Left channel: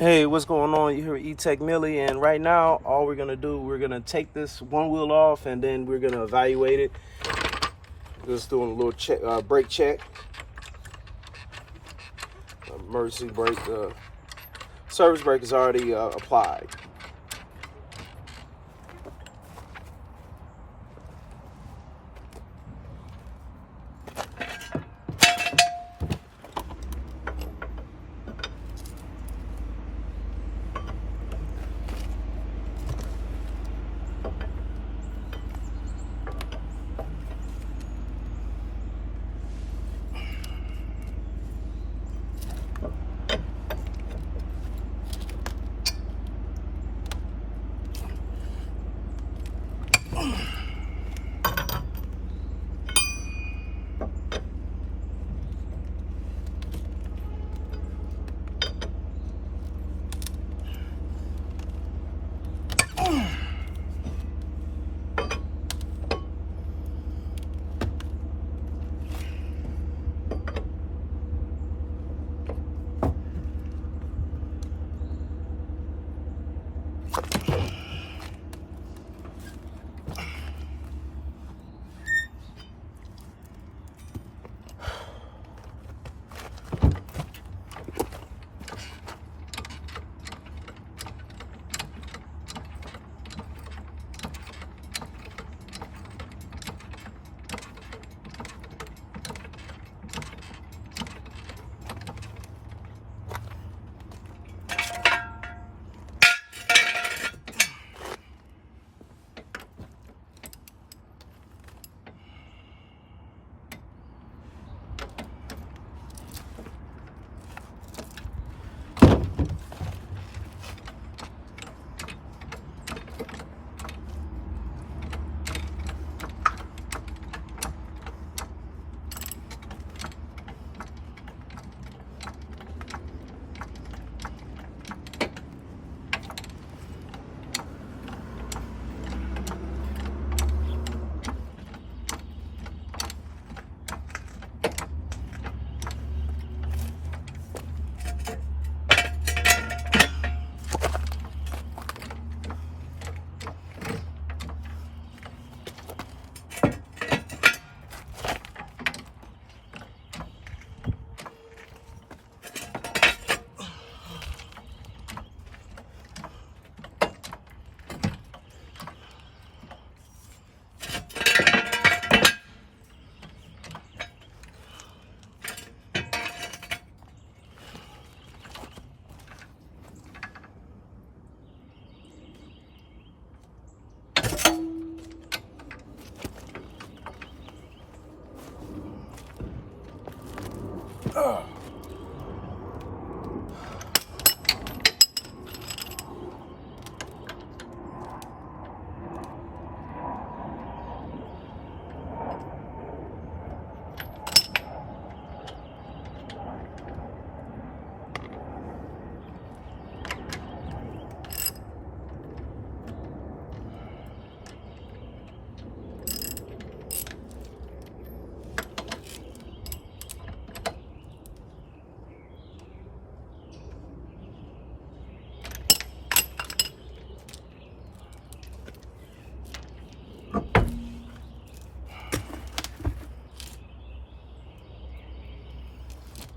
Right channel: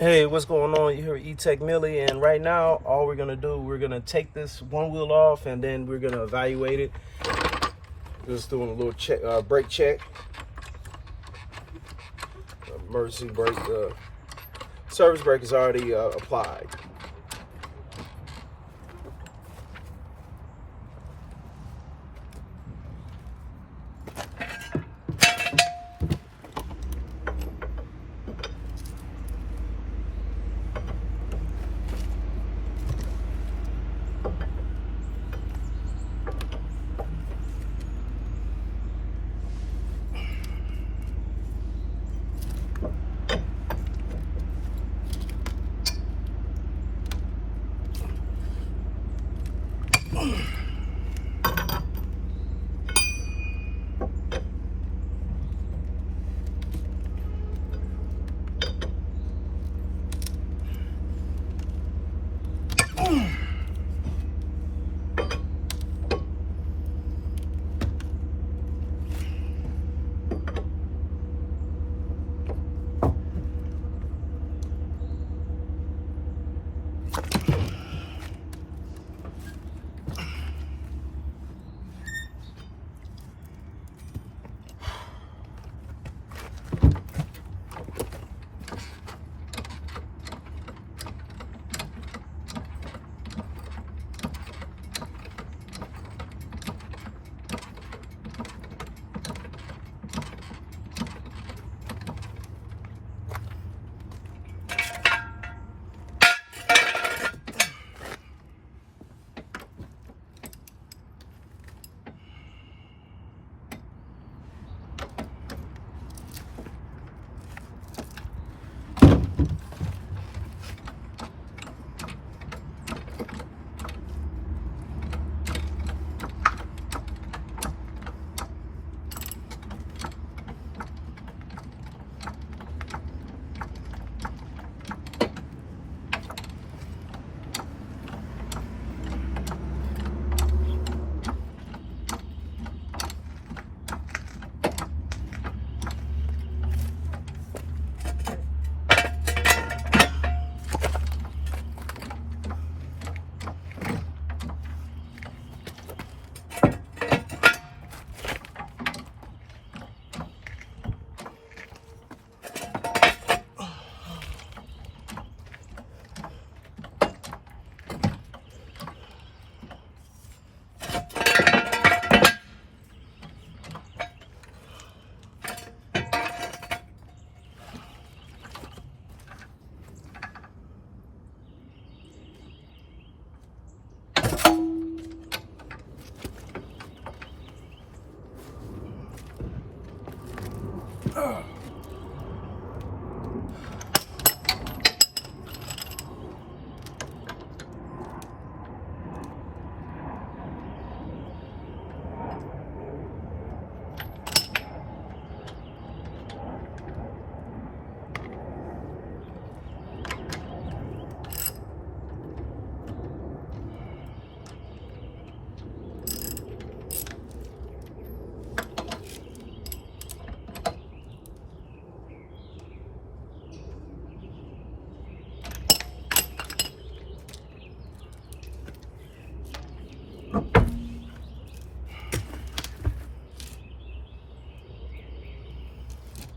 Hey, what's going on? You here with E-Tech Millie, and right now, all we're gonna do, we're gonna take this one wheel off, and then we're gonna evaluate it. Just doing a little check, brake check, emergency brake. Service brake is already applied.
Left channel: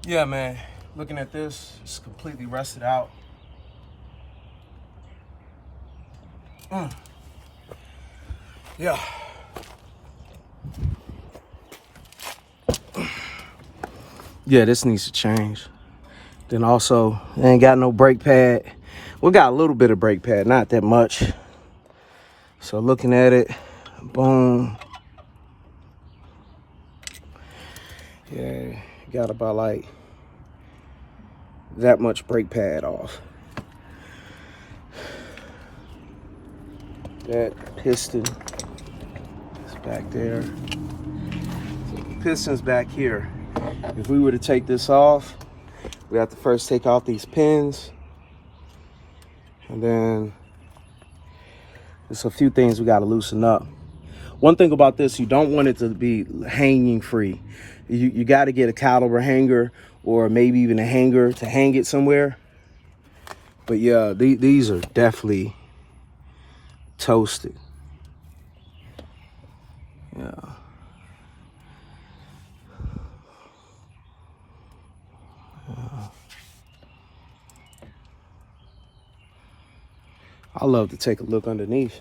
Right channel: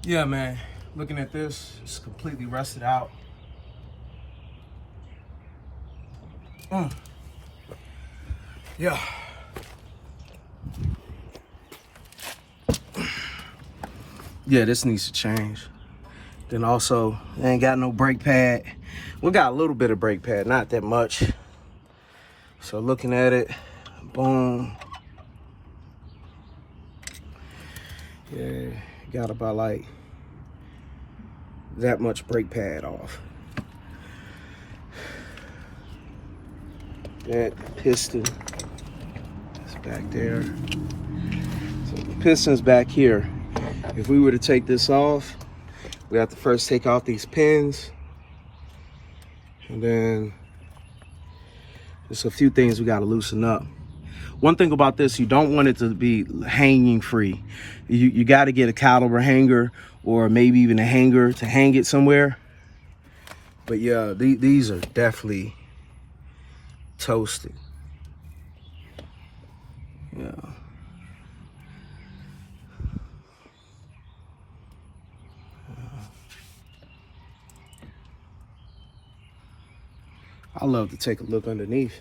Yeah, man. Looking at this, it's completely rusted out. Yeah. Yeah, this needs to change. Then also, they ain't got no brake pad. We got a little bit of brake pad, not that much. So looking at it, boom. Yeah, got about like that much brake pad off. That piston is back there. So the piston's back here. If we were to take this off, we have to first take off these pins. And then there's a few things we got to loosen up. One thing about this, you don't want it to be hanging free. You got to get a caliber hanger or maybe even a hanger to hang it somewhere. But yeah, these are definitely toasted. Yeah. I love to take a look underneath.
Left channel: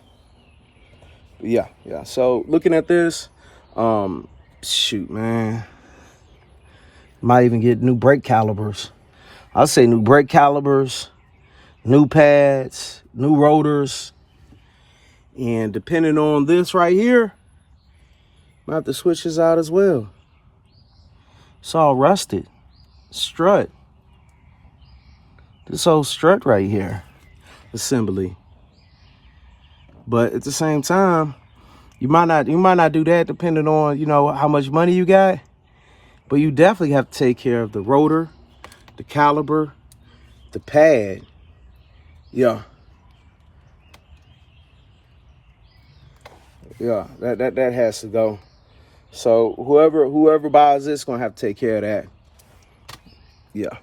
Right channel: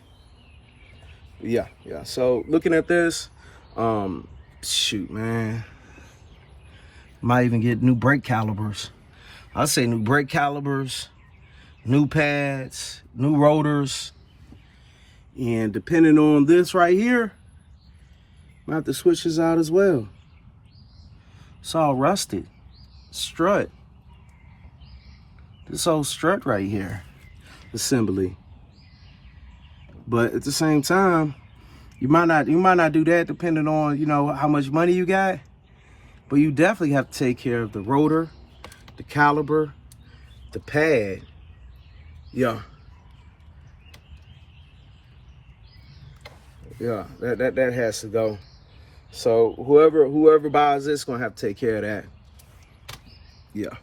Yeah. So looking at this, shoot, man. Might even get new brake calipers. I'll say new brake calipers, new pads, new rotors. And depending on this right here, might have to switch this out as well. It's all rusted. Strut. This whole strut right here. Assembly. But at the same time, you might not do that depending on, you know, how much money you got. But you definitely have to take care of the rotor, the caliper, the pad. Yeah. Yeah, that has to go. So whoever buys this gonna have to take care of that. Yeah.